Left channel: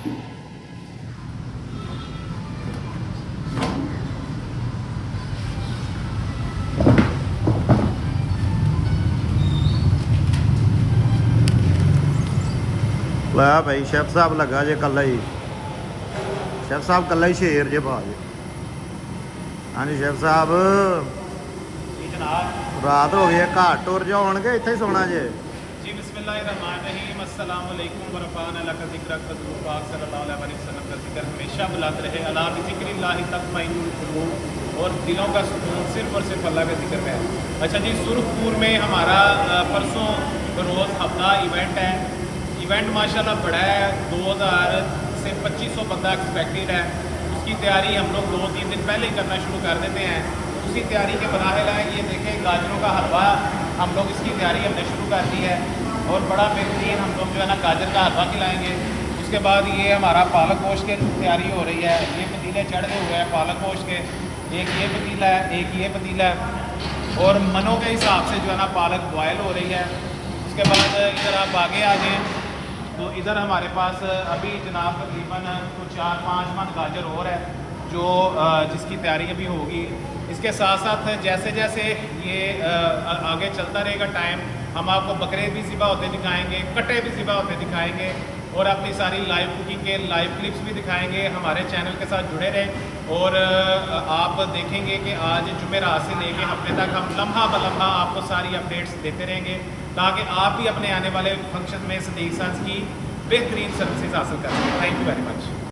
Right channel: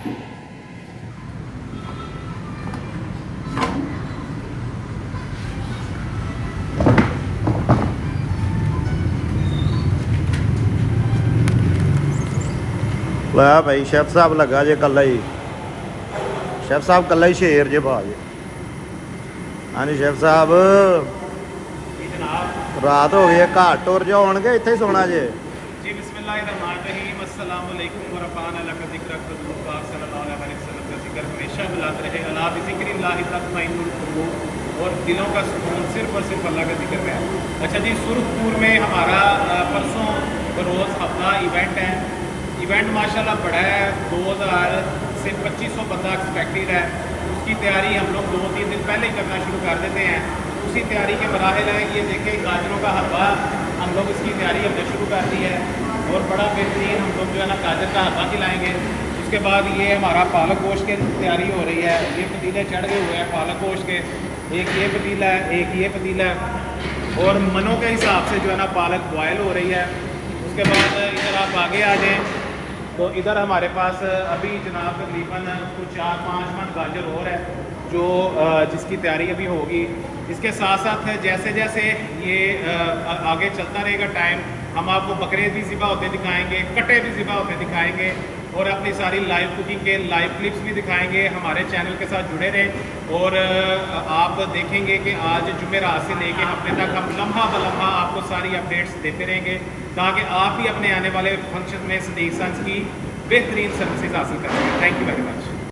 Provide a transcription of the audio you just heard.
ला भाई शेफ साहब लगा जे कला ही, शेफ साहब कला ही शेर जे पा जे। हाँ जी शेफ साहब, रात हो गई है, घर टुर जो आउणगे इत्थे ही सोना जे जी। बिस्मिल्लाहिर्रहमानिर्रहीम, अस्सलाम वालेकुम व रफ़अना लका ज़िक्र रसूलुल्लाह सल्लल्लाहु अलैहि वसल्लम का जिक्र हमेशा बुलाते रहे। अला बिज़िक्रिल्लाहि तत्मइन्नुल क़ुलूब, और दिलों का सुकून सिर्फ और सिर्फ अल्लाह का जिक्र है। अच्छा जी, सुरखपुर में हमारा परसों रोज़ हफ्ता इवेंट है। इवेंट माशाल्लाह बड़ा है, 2000 से 2500 बंदा एक्सपेक्टेड है। उसकी तैयारी हम लोग 2-3 दिन पहले ही करना शुरू कर देते हैं। उसी तैयारी के मराहल है। ये देखें, गाजरों का हलवा हम लोग इसकी तैयारी हमने शुरू कर दी है, और बड़ा बेहतरीन हम लोग जो है ना गाजर का हलवा खिलाएँगे। उसके बाद ये हमारा पालक गोश्त की तैयारी हो रही है। ये पतीले चढ़ गए हुए हैं पालक गोश्त के, एक ये पतीला है, एक ये पतीला है, और मनों के हिसाब से जो है ना पालक बॉयल हो रही है। उसके बाद इधर आप आगे आ जाएँ तो इधर हमारे पास अभी जनाब तकरीबन कुछ 4-5 मन गाजर और है जो जिसकी तैयारी अभी होगी। इसके साथ साथ जैसे जैसे ये आगे चलता रहेगा टाइम, हम आपको बकरे भी ज़िबा होते दिखाएंगे, कटे भी ज़िबा होते दिखाएंगे, और अपनी सारी लाइव कुकिंग के लाइव क्लिप्स भी दिखाएंगे। हमारे चैनल के साथ जुड़े रहें, और आप देखेंगे कि आज जुमेरात से लेके हफ्ते तक हम लम्हा ब लम्हा आपको सारी अपडेट्स देते रहेंगे, ताकि आप भी अपने आने वाले फंक्शन में सदीक सन्स की बेहतरीन सर्विसेज हासिल कर सकें। Thank you very much.